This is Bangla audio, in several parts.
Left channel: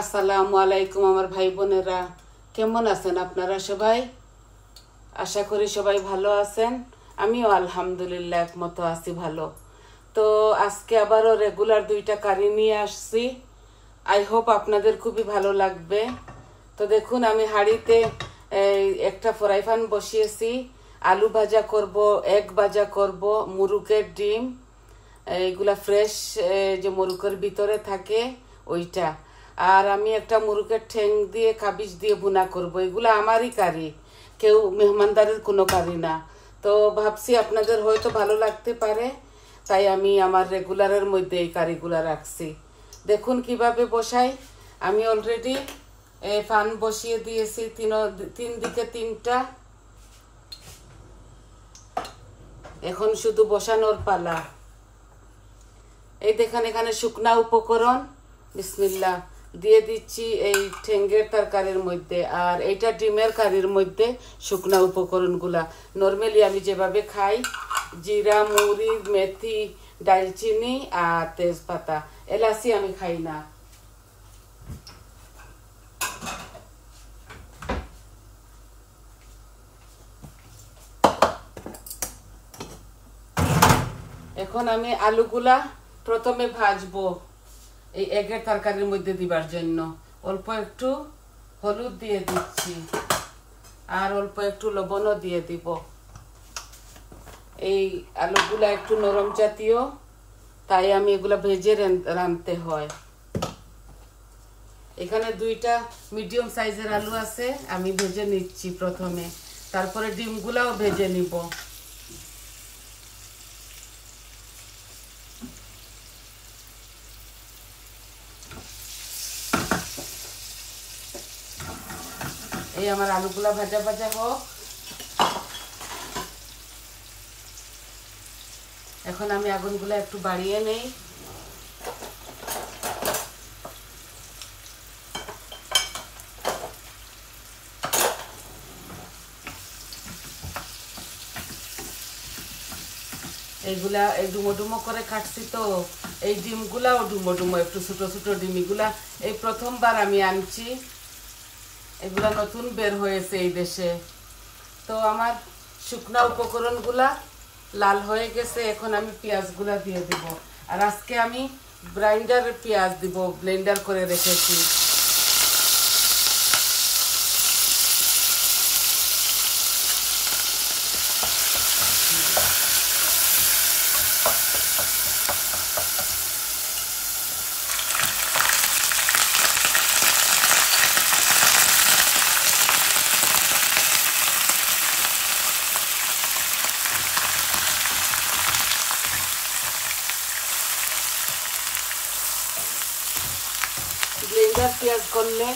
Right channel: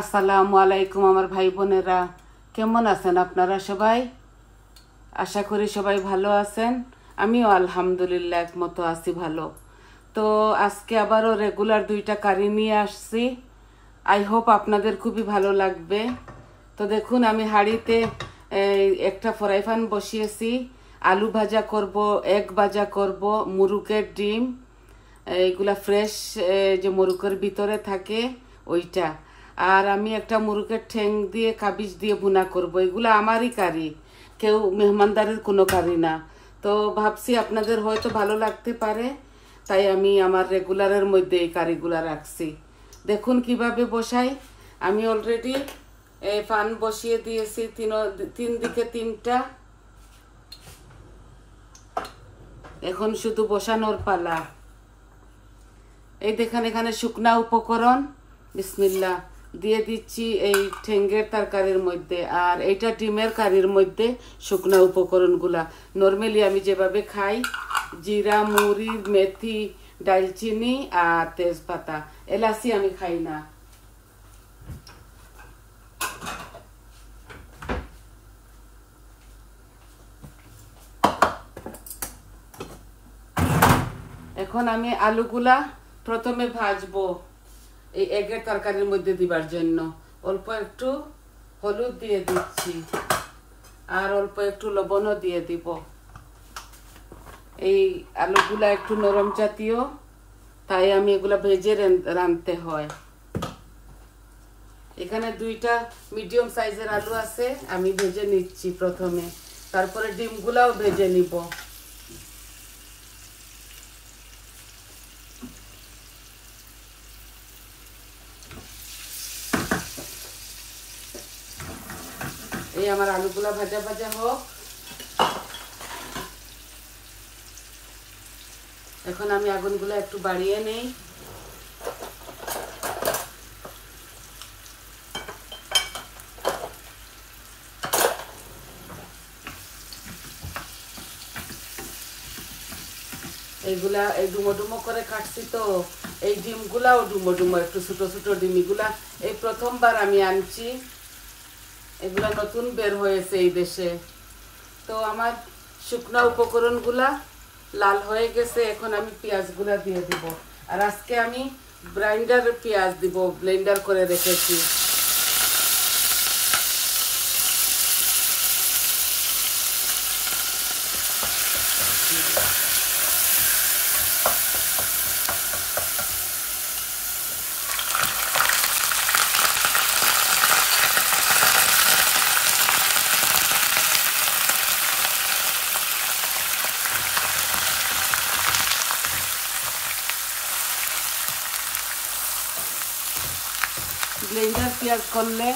আসসালামু আলাইকুম আমার ভাই বোনেরা, কেমন আছেন আপনারা সবাই? আশা করি সবাই ভালো আছেন। আমিও আলহামদুলিল্লাহ একমতো আছি ভালো। তো আজকে আবারও রেগুলার দুইটা কারি নিয়ে আসছি। আই হোপ আপনাদের খুবই ভালো লাগবে। তো দেখুন, আমি হাঁড়িতে একটা ফ্রাই প্যান বসিয়েছি। আলু ভাজা করব, এগ ভাজা করব, মুরগের ডিম, এইগুলা ফ্রেশ যে মুরগের ভিতরে থাকে ওইটা। আর আমি একটা মুরগের ঠ্যাং দিয়ে কাবিজ দিয়ে ভুনা করব। এগুলো আমারই কারি, কেউ মেহমানদারের কোনো কারি না। তো ভাবছি আপনাদের হয়তো ভালো লাগতে পারে, তাই আমি আমার রেগুলারের মধ্যে এই কারিগুলা রাখছি। দেখুন কিভাবে বসাই। আমি অলরেডি পান বসিয়ে দিয়েছি, তিন দিকে তিনটা। এখন শুধু বসানোর পালা। এই দেখেন, এখানে শুকনা উপকরণ বিসমিল্লাহ দিয়ে দিচ্ছি এই ঠেঙ্গের তরকারির মধ্যে, আর এইটা ডিমের কারির মধ্যে শুকনা উপকরণগুলা নর্মালি আমি যেভাবে খাই, জিরা, মুড়ি, মেথি, দালচিনি আর তেজপাতা। এলাচি আমি খাই না। এখন আমি আলুগুলা প্রথমে ভাজবো এই এগের তরকারির মধ্যে দিবার জন্য। অল্প একটু হলুদ দিয়ে দিচ্ছি আর অল্প একটু লবণও দিয়ে দিব। এই আলুগুলা একটু নরম জাতীয়, তাই আমি এগুলা ভেজে রাঁধতে হয়। এখানে দুইটা মিডিয়াম সাইজের আলু আছে, আমি ভেজে নিচ্ছি প্রথমে, তারপরে ডিমগুলাও ভেজে নিব। এই আমার আলুগুলা ভাজা ভাজা হোক। এখন আমি আগুনগুলা একটু বাড়িয়ে নেই। এইগুলা এই ডুমো ডুমো করে কাটছি, তো এই ডিমগুলাও ডুমো ডুমো, একটু ছোট ছোট ডিমগুলা এই প্রথমবার আমি আনছি। এগুলা নতুন বের হয়েছে এই দেশে। তো আমার শুকনা উপকরণগুলা লাল হয়ে গেছে। এখন আমি পেঁয়াজগুলা দিয়ে দিব। আর আজকে আমি গ্রাইন্ডার পেঁয়াজ দিব, ব্লেন্ডার করে রেখেছি। ব্লেন্ডার পেঁয়াজ করলে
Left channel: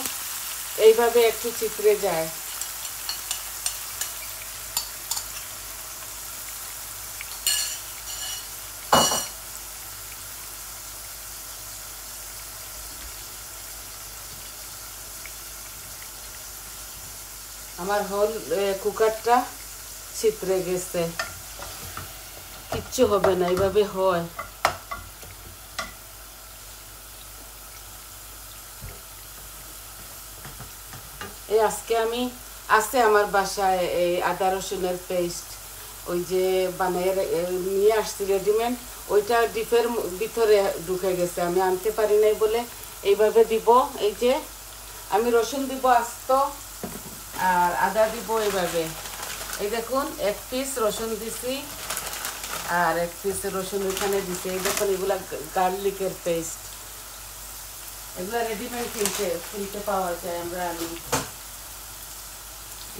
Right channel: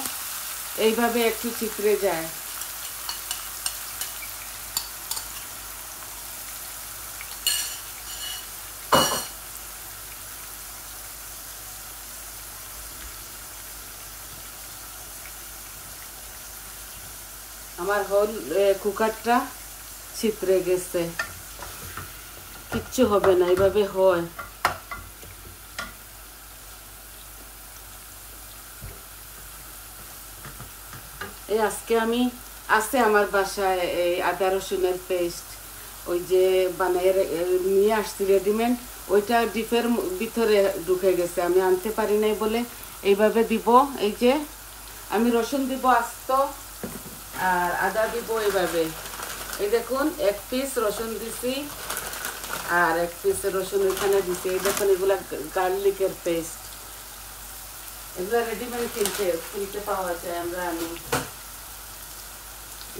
এইভাবে একটু চিপড়ে যায়। আমার হোল কুকারটা ছিপড়ে গেছে, কিচ্ছু হবে না, এইভাবে হয়। এই আজকে আমি আছে আমার বাসায় এই আদা রসুনের পেস্ট, ওই যে বানিয়ে নিয়ে আসছি রেডিমেড, ওইটা ডিপের ভিতরে ঢুকে গেছে, আমি আনতে পারি নাই বলে এইভাবে দিব। এই যে আমি রসুন দিব আস্ত, আর আদা দিব এইভাবে। এই দেখুন, এক পিস রসুন দিছি আর এক পিস রসুন এখানে দিছি। এই দেখুন, এগুলা গার্লিকের পেস্ট, এগুলো রেডিমেড কিনতে পাওয়া যায়, আমরা আনি।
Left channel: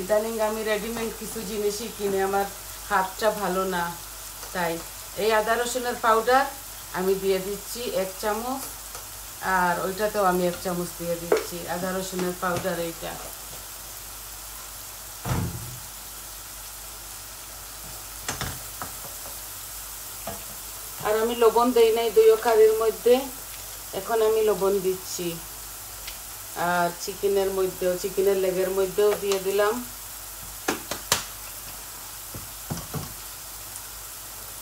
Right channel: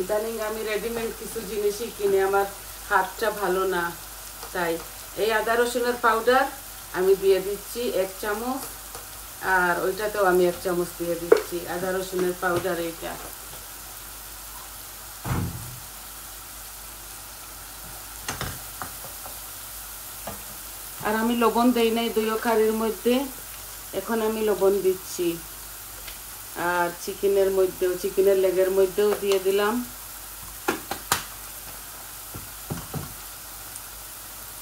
ইদানিং আমি রেডিমেড কিছু জিনিসই কিনে, আমার হাতটা ভালো না, তাই এই আদা রসুনের পাউডার আমি দিয়ে দিচ্ছি 1 চামচ, আর ওইটাতেও আমি 1 চামচ দিয়ে দিচ্ছি আদা রসুনের পাউডার। এইটা আর আমি লবণ দেই নাই দুইও কারির মধ্যে, এখন আমি লবণ দিচ্ছি। আর চিকেনের মধ্যেও, চিকেনের লেগের মধ্যেও দিয়ে দিলাম।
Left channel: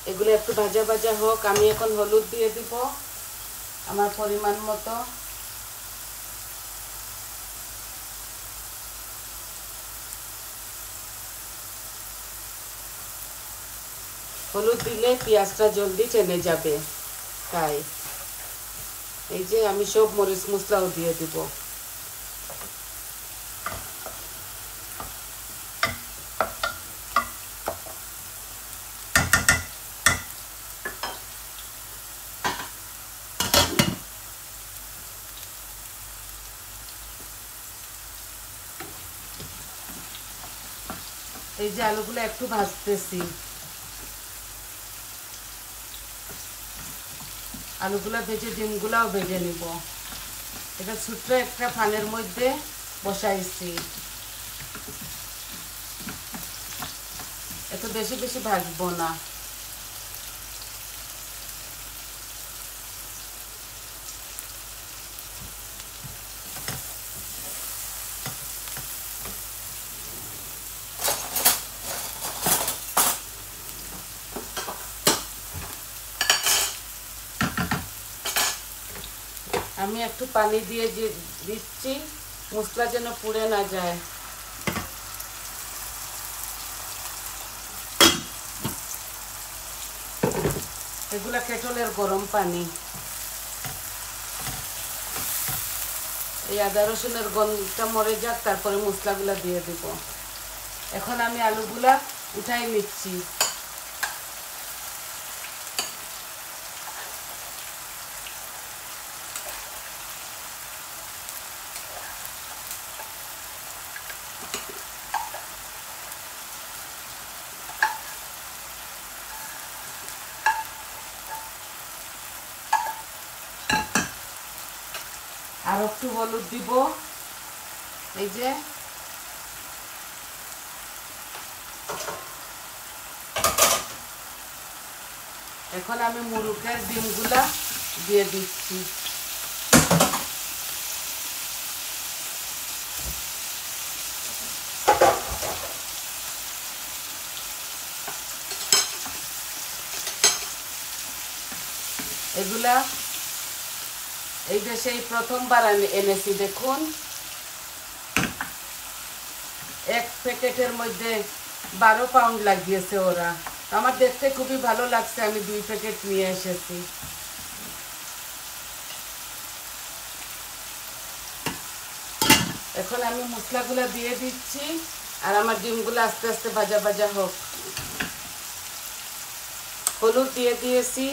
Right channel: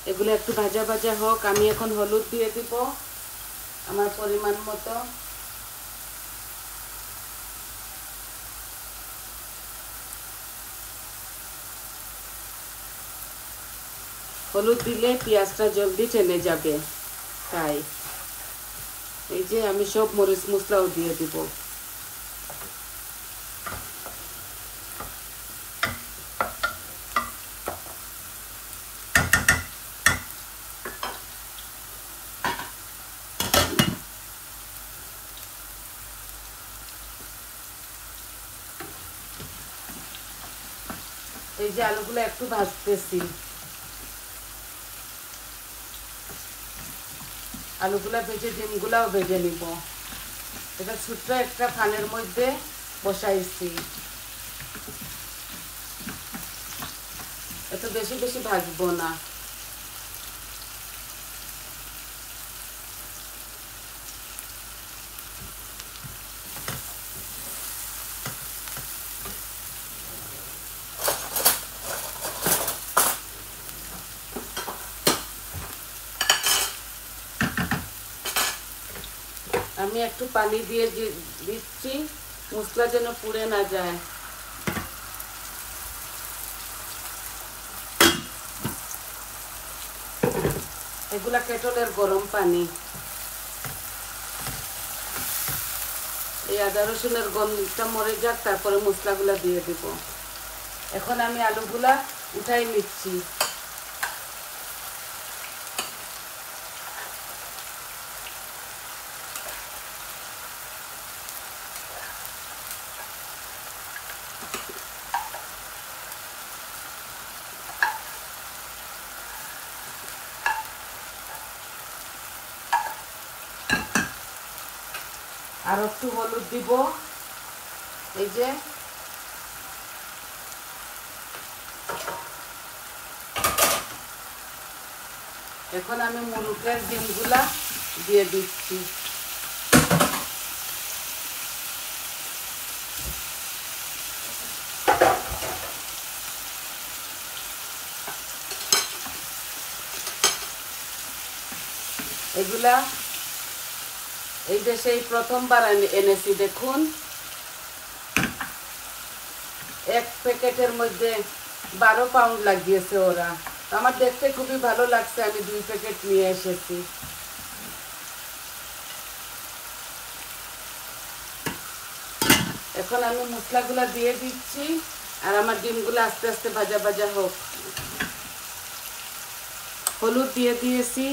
এগুলো একটু ভাজা ভাজা হোক। আমি এখন হলুদ দিয়ে দিব আমার পরিমাণ মতো। হলুদ দিলে পেঁয়াজটা জলদি টেনে যাবে, তাই এই যে আমি সব মরিচ মশলাও দিয়ে দিব। এই যে আলুগুলো একটু ভাজতেছি, আলুগুলা ভেজে ডিমগুলাও ভেজে নিব। এটা ছোট্ট একটা ফানের মধ্যে বসাইছি, এত বেশি বেশি ভাজবো না। আমি একটু পানি দিয়ে দিচ্ছি, মশলা যেন পুড়ে না যায়। এগুলা কেটলের গরম পানি। এই আদা রসুনের গন্ধটা মরে যাক, তারপরে মশলাগুলা দিয়ে দিব। এখন আমি আলুগুলা উঠাই নিচ্ছি। আর একটু হলুদ দিব, এই যে এখন আমি মুরগের ডিমগুলা দিয়ে দিচ্ছি। এগুলা এই দেশে প্রথমবার এনেছি। দেখুন, এক প্যাকেটের মধ্যে 12 পাউন্ড লাগিয়েছে ওরা। আমার দেখতে খুবই ভালো লাগছে, আমি 2 প্যাকেট নিয়ে এসেছি। এখন আমি মশলাগুলা দিয়ে দিচ্ছি, আর আমার ডিমগুলো আস্তে আস্তে ভাজা ভাজা হোক। হলুদ দিয়ে দিয়েছি,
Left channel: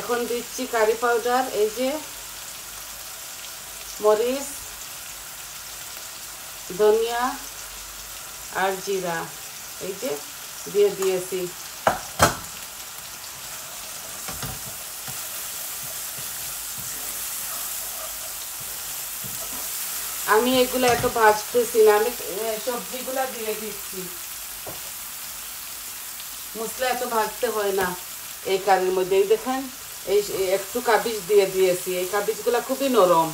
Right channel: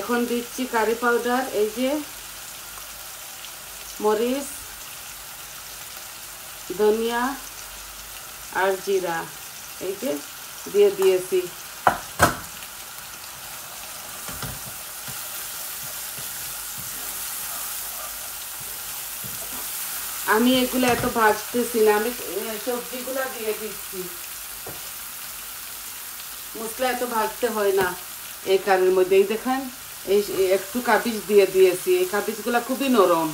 এখন দিচ্ছি কারি পাউডার, এই যে মরিচ, ধনিয়া আর জিরা, এই যে দিয়ে দিয়েছি। আমি এগুলো এত ভাজতেছি না, আমি সবজিগুলা দিয়ে দিচ্ছি। মশলা এত ভাজতে হয় না এই কারির মধ্যে। এই দেখেন, এই একটু কাবিজ দিয়ে দিয়েছি, এই কাবিজগুলা খুবই নরম।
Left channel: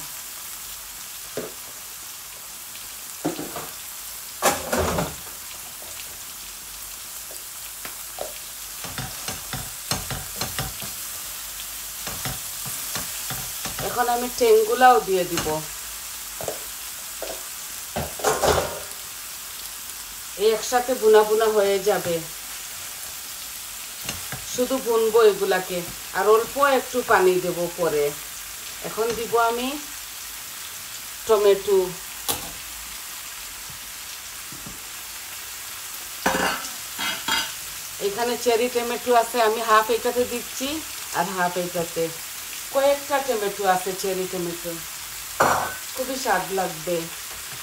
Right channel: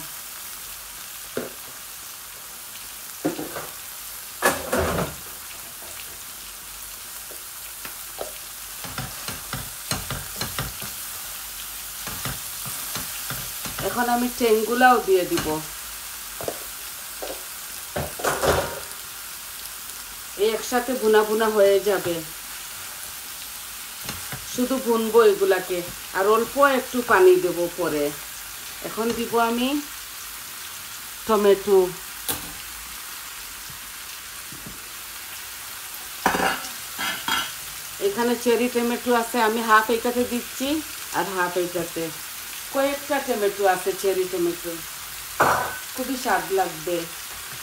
এখন আমি টেংগুলাও দিয়ে দিব। এই একসাথে বুনা বুনা হয়ে যাবে, শুধু ভুনবো এগুলাকে, আর অল্প একটু পানি দেব পরে। এখন দিব আমি টমেটো। এখানে চেরি টমেটো আছে, আমি হাফ এটাতে দিচ্ছি আর হাফ এটাতে। কয়েকটা টমেটো আছে, চেরি টমেটো, খুবই স্বাদ লাগবে।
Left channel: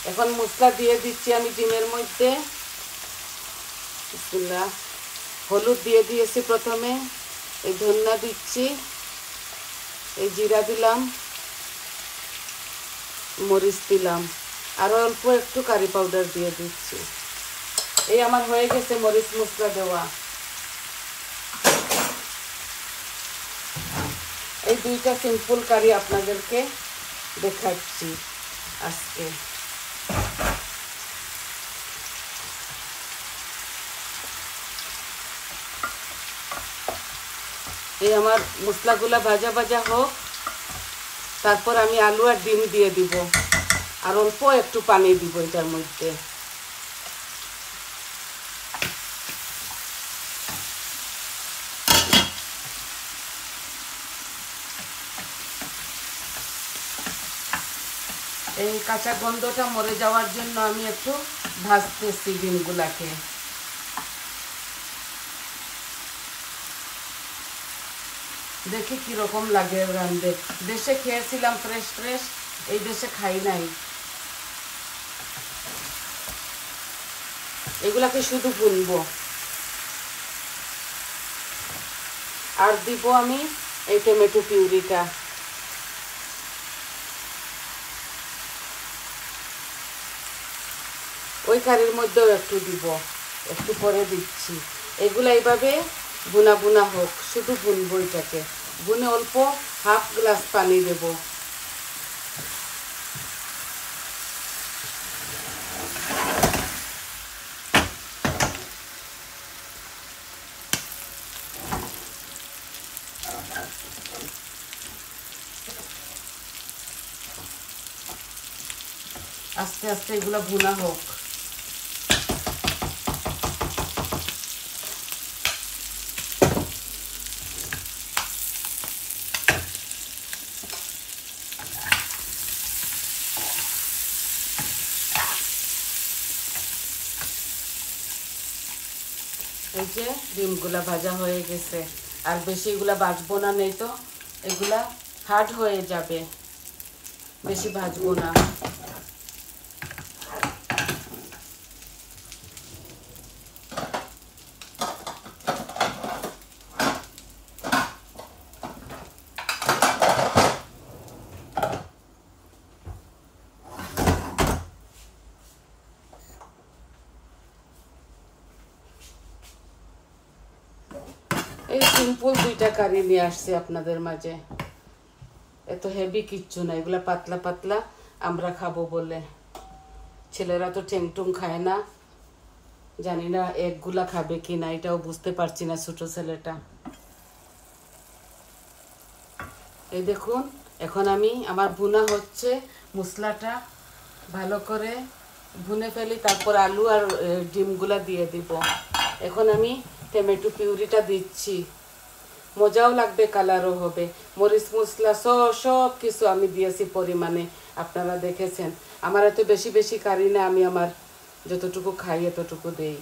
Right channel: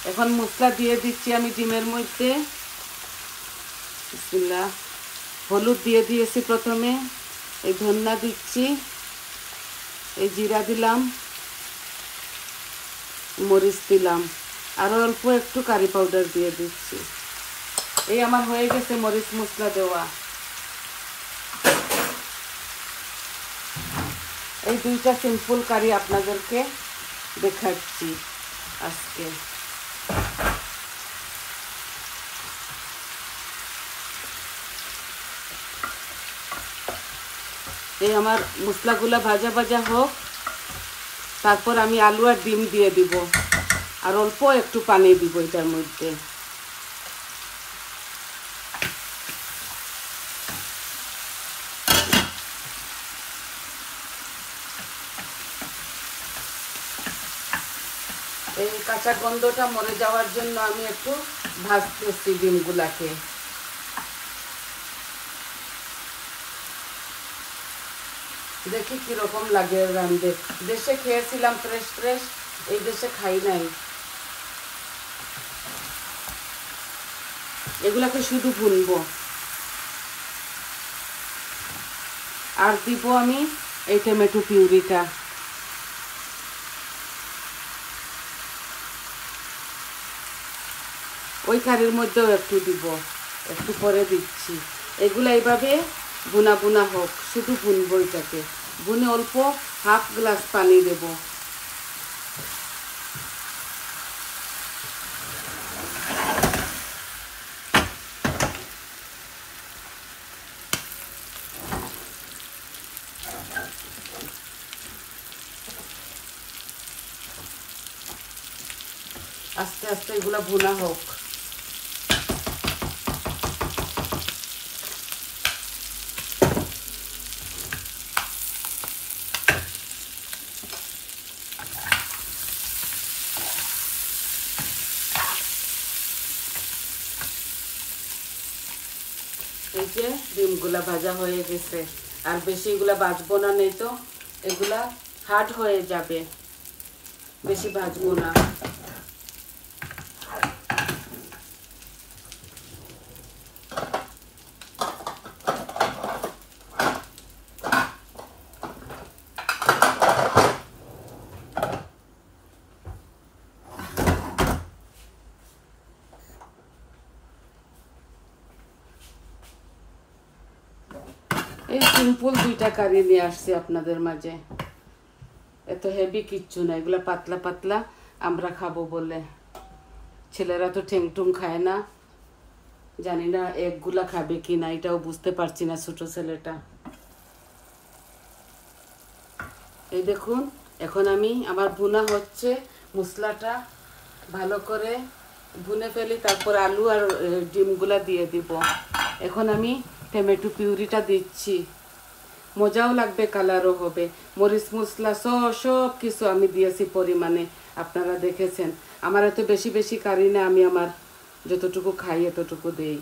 এখন মশলা দিয়ে দিচ্ছি আমি ডিমের মধ্যে। বিসমিল্লাহ। হলুদ দিয়ে দিয়েছি প্রথমে, এই ধনিয়া দিচ্ছি, এই জিরা দিলাম, মরিচ দিলাম, আরো অল্প একটু কারি পাউডার দিয়ে দিচ্ছি। এই আমার হয়ে গেছে মরিচ মশলা দেওয়া। এই 2টা সিম্পল কারি আপনাদেরকে দেখাচ্ছি আজকে। এই আমার মশলাগুলো ভাজা ভাজা হোক, তারপর আমি আলু আর ডিম দিয়ে দিব, আর অল্প একটু পানি দিব এটার মধ্যে। এই কাঁচা গন্ধটা মরে যাওয়ার জন্য আমি একটু ভাজতেছি ডিমগুলাকে। দেখি কিরকম লাগে রাঁধতে। দেশে খেয়েছিলাম ফ্রেশ ফ্রেশ, এই দেশে খাই নাই। এগুলাকে শুধু ভুনবো। আর দিব আমি এই টমেটো পিউরিটা। ওই কারির মধ্যেও একটু দিব, একটু পরে দিচ্ছি। এগুলা এইভাবে বুনা বুনা হোক, শুধু বুনবো এটাকে। বুনে অল্প হাফ গ্লাস পানি দেব। আস্তে আস্তে এগুলা ভুনা হোক। এই যে ডিমগুলা ভাজা হয়ে গেছে। আর বেশি এগুলা ভাজবো না, নেই তো এগুলা হার্ড হয়ে যাবে। বেশি ভাজবো না। এই সিম্পল দুইটা কারি নিয়ে আসছি আপনাদের মাঝে। এত হেভি কিচ্ছু না, এগুলা পাতলা পাতলা আমরা খাবো বলে। ছেলেরা তো ঠেংটুং খায় না, জানি না এগুলা খাবে কিনা, এটাও বুঝতে পারছি না ছোট ছেলেটা। এই দেখুন, এখন আমি আমার ভুনা হচ্ছে, মশলাটা ভালো করে ভুনে ফেলি, তারপর আলু আর ডিমগুলা দিয়ে দিব। এখন আমি টমেটো পিউরিটা দিচ্ছি। মজাও লাগবে, কালারও হবে। মরিচ মশলা সব কিছু আমি দিয়েছি পরিমাণে, আপনারা দেখেছেন। আমার এত বেশি বেশি কারি না, আমি আমার যতটুকু খাই এতটুকু দেই।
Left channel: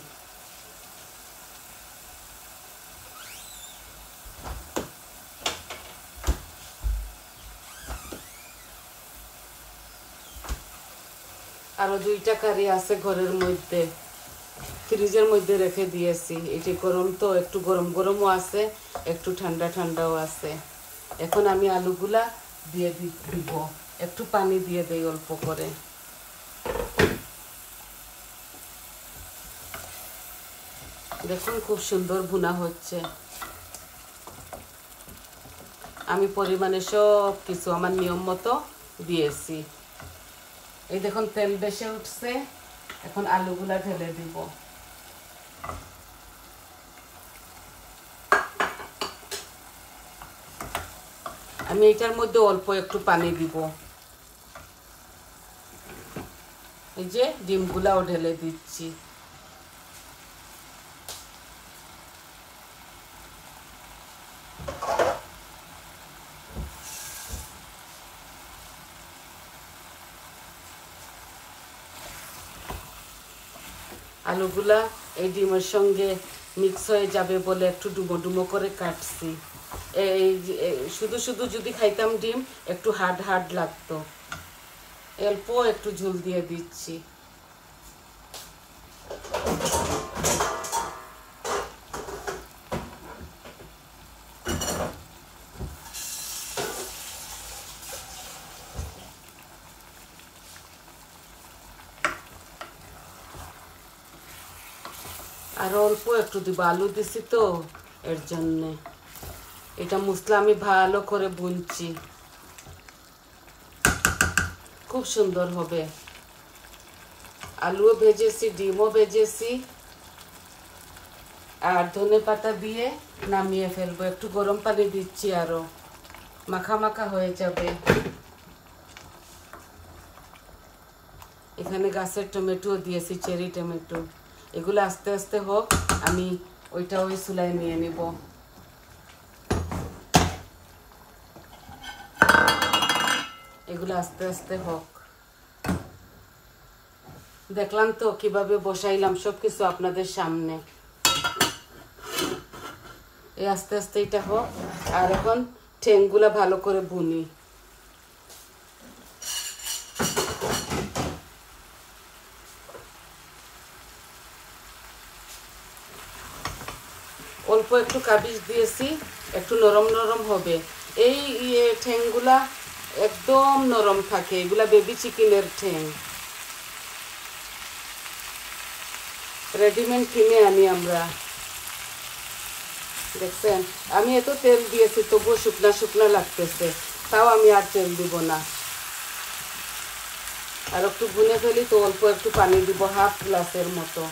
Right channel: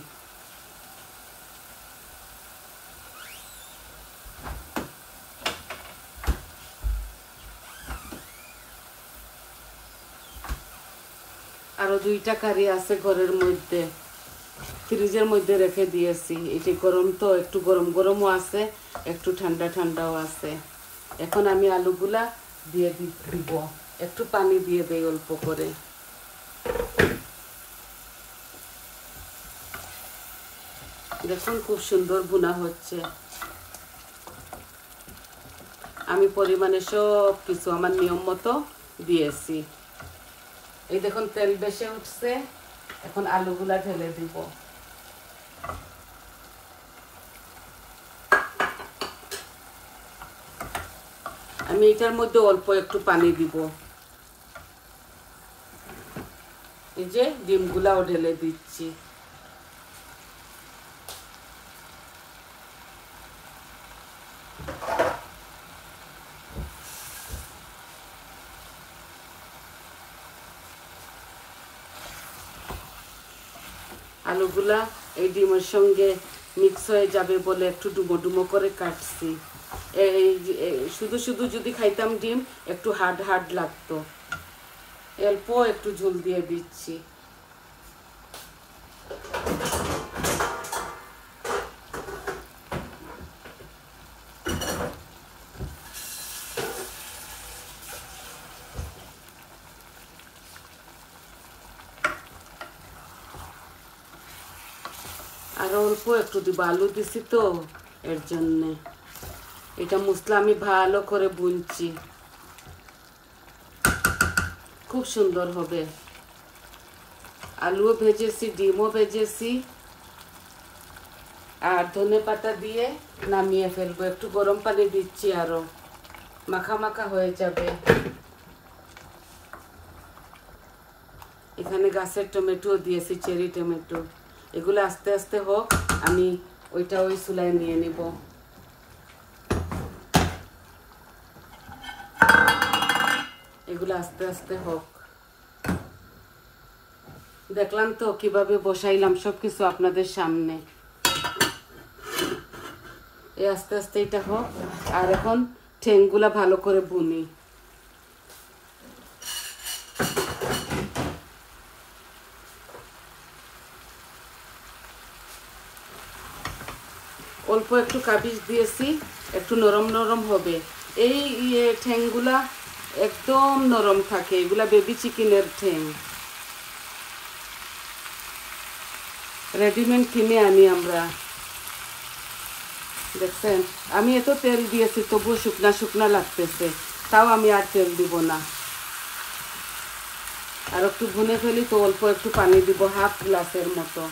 আরো দুইটা কারি আছে ঘরের মধ্যে, ফ্রিজের মধ্যে রেখে দিয়েছি। এটি গরম তো, একটু গরম গরমও আছে, একটু ঠান্ডা ঠান্ডাও আছে। এখন আমি আলুগুলা দিয়ে দিব, একটু পানি দিয়ে দেই অল্প করে। দেখুন খুব সুন্দর ভুনা হচ্ছে। আমি পরিমাণে সব কিছু আমার নিয়ম মতো দিয়েছি। এই দেখুন তেল বেশি উঠছে, এখন আলুগুলা ঢেলে দিব। আমি এটার মধ্যে অল্প একটু পানি দিব। এই যে ডিমগুলাও ঢেলে দিচ্ছি। আলুগুলা এই ডিমের সঙ্গে মিক্স হয়ে যাবে বলে একটু ডুবো ডুবো করে কাটছি। এই শুধু শুধু যদি খাইতাম ডিম, একটু হার্ড হার্ড লাগতো। অল্প একটু ঝোল দিয়ে দিচ্ছি। আর অল্প একটু দিব, আলু দিছি তো এর জন্যে। এটা মশলা আমি ভালো করে বুনছি, খুব সুন্দর হবে। আলুও ভেজেছি, ডিমও ভেজেছি। আর ধনে পাতা দিয়ে নামিয়ে ফেলবো। একটু গরম পানি দিচ্ছি, আরো মাখা মাখা হয়ে যাবে। এখানে গাছের টমেটো দিয়েছি, চেরি টমেটো। এগুলো আস্তে আস্তে হোক, আমি ওইটা ওই চুলায় নিয়ে নিব। এগুলো আস্তে আস্তে হোক। দেখলাম তো কিভাবে বসাইলাম সবকিছু আপনাদের সামনে। এই আস্তে আস্তে এটা হোক। আর এখন ঠ্যাংগুলা ভালো করে বুনি। অল্প একটু কাবিজ দিয়েছি, একটু নরম নরম হবে। এই ঠ্যাংগুলা একদম নরম থাকে, এগুলা বেবি চিকেনের ঠ্যাং, রেডিমেড কিনে আনি আমরা। দেখছেন আমি এত তেল দিয়েছি তবুও শুকনা শুকনা লাগতেছে, তাও আমি আর তেল দিব না। আর একটু ভুনে ফেলি তো অল্প একটু পানি দিব, হাফ গ্লাসের মতো।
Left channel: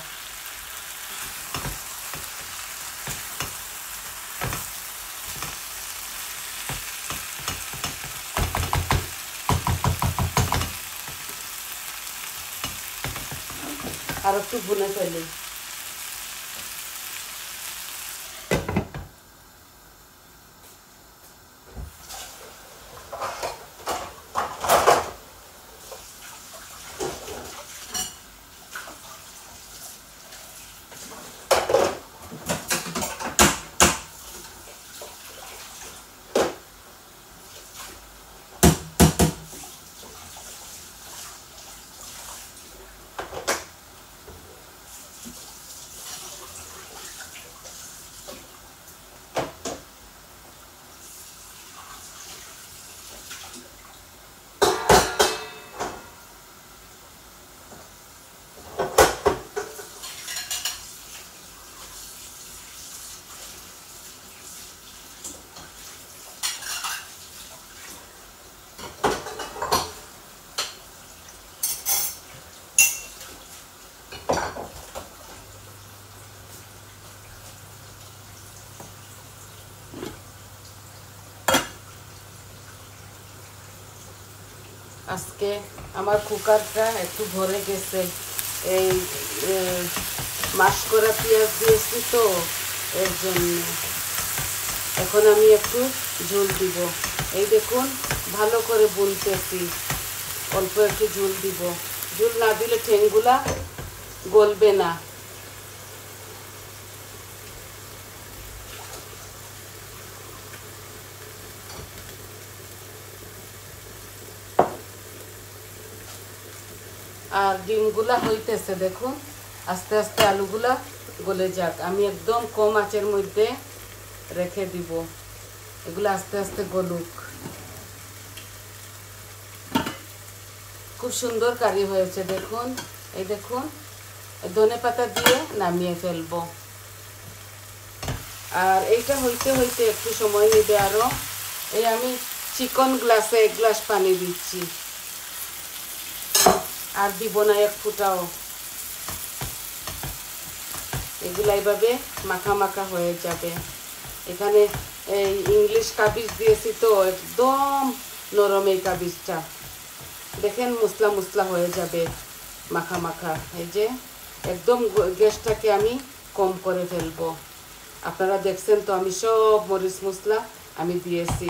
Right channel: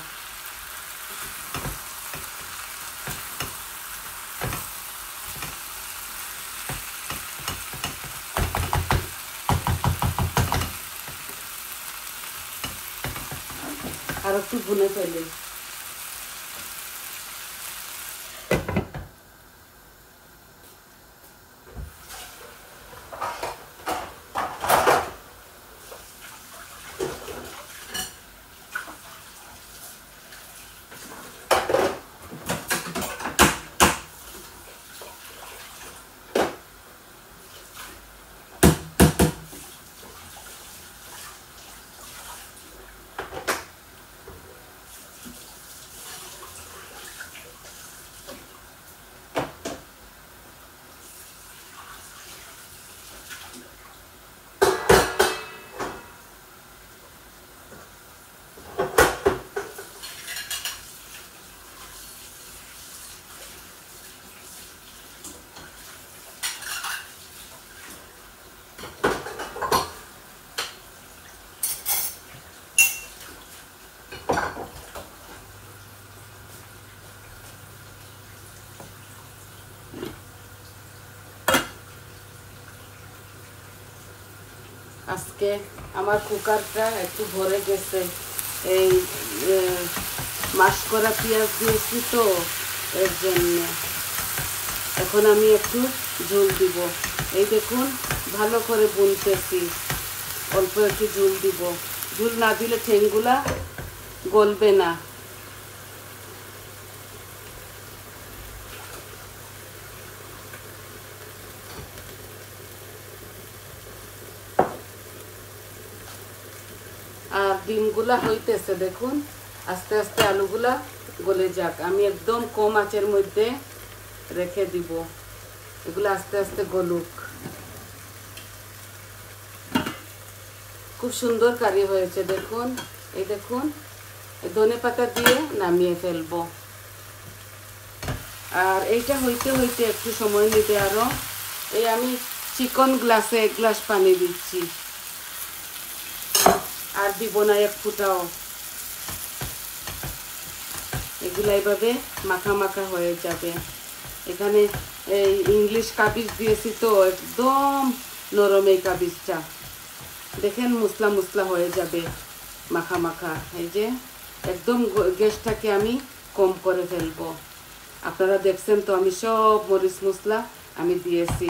আর একটু ভুনে ফেলি। আজকে আমার কুকারটা একটু ভরে গেছে, এই মাশ করা পেঁয়াজ দিয়েছি তো এর জন্য। এখন আমি একটু ঝোল দিব। এই দেখুন ভালো করে বুনতেছি, অল্প একটু ঝোল দিব। ঝোল না দিলে ঠ্যাংগুলা গলবে না। আর ডিমগুলা হইতেছে দেখুন, আস্তে আস্তে আলুগুলা গলে যাক। আমি একদম কম আঁচের মধ্যে রেখে দিব, এগুলো আস্তে আস্তে গলুক। খুব সুন্দর কারি হয়েছে দেখুন। এই দেখুন ধনে পাতা দিয়ে নামিয়ে ফেলবো। আর এইটা হইতে হইতে একটু সময় নেবে আরো। এই আমি চিকন গ্লাসে 1 গ্লাস পানি দিচ্ছি, আর দিব না এক ফুটাও। এগুলা এইভাবে মাখা মাখা হয়ে যাবে। এখানে এই ইংলিশ কাবিজ দিয়েছি তো একদম নরম এই কাবিজটা। দেখেন মুসলা মুসলা হয়ে যাবে মাখা মাখা। এই যে একদম গ্যাসটাকে আমি কম করে ফেলবো। আপনারা দেখছেন তো আমি সব মরিচ মশলা আমি দিয়েছি।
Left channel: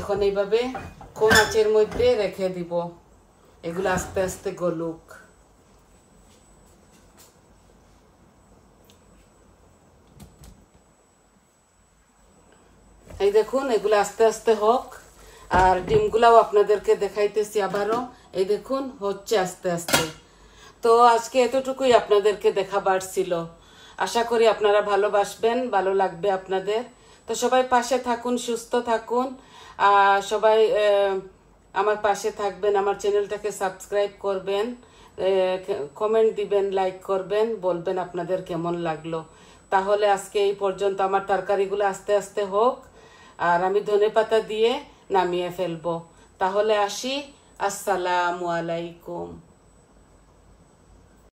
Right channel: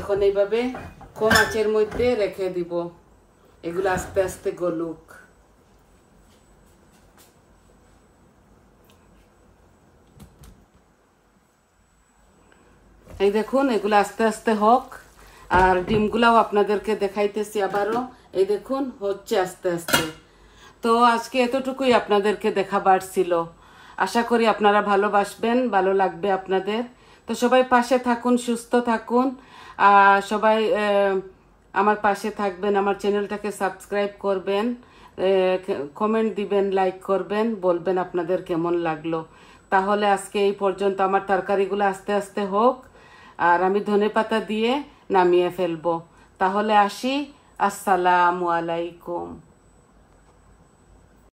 এখন এইভাবে কম আঁচের মধ্যে রেখে দিব, এগুলো আস্তে আস্তে গলুক। এই দেখুন এগুলো আস্তে আস্তে হোক। আর ডিমগুলাও আপনাদেরকে দেখাইতেছি আবারও। এই দেখুন হচ্ছে আস্তে আস্তে। তো আজকে এতটুকুই আপনাদেরকে দেখাবার ছিল। আশা করি আপনারা ভালোবাসবেন, ভালো লাগবে আপনাদের। তো সবাই পাশে থাকুন, সুস্থ থাকুন। সবাই আমার পাশে থাকবেন, আমার চ্যানেলটাকে সাবস্ক্রাইব করবেন, কমেন্ট দিবেন, লাইক করবেন, বলবেন আপনাদের কেমন লাগলো। তাহলে আজকে এই পর্যন্ত। আমার তরকারিগুলো আস্তে আস্তে হোক, আর আমি ধনেপাতা দিয়ে নামিয়ে ফেলবো। তাহলে আসি। আসসালামু আলাইকুম।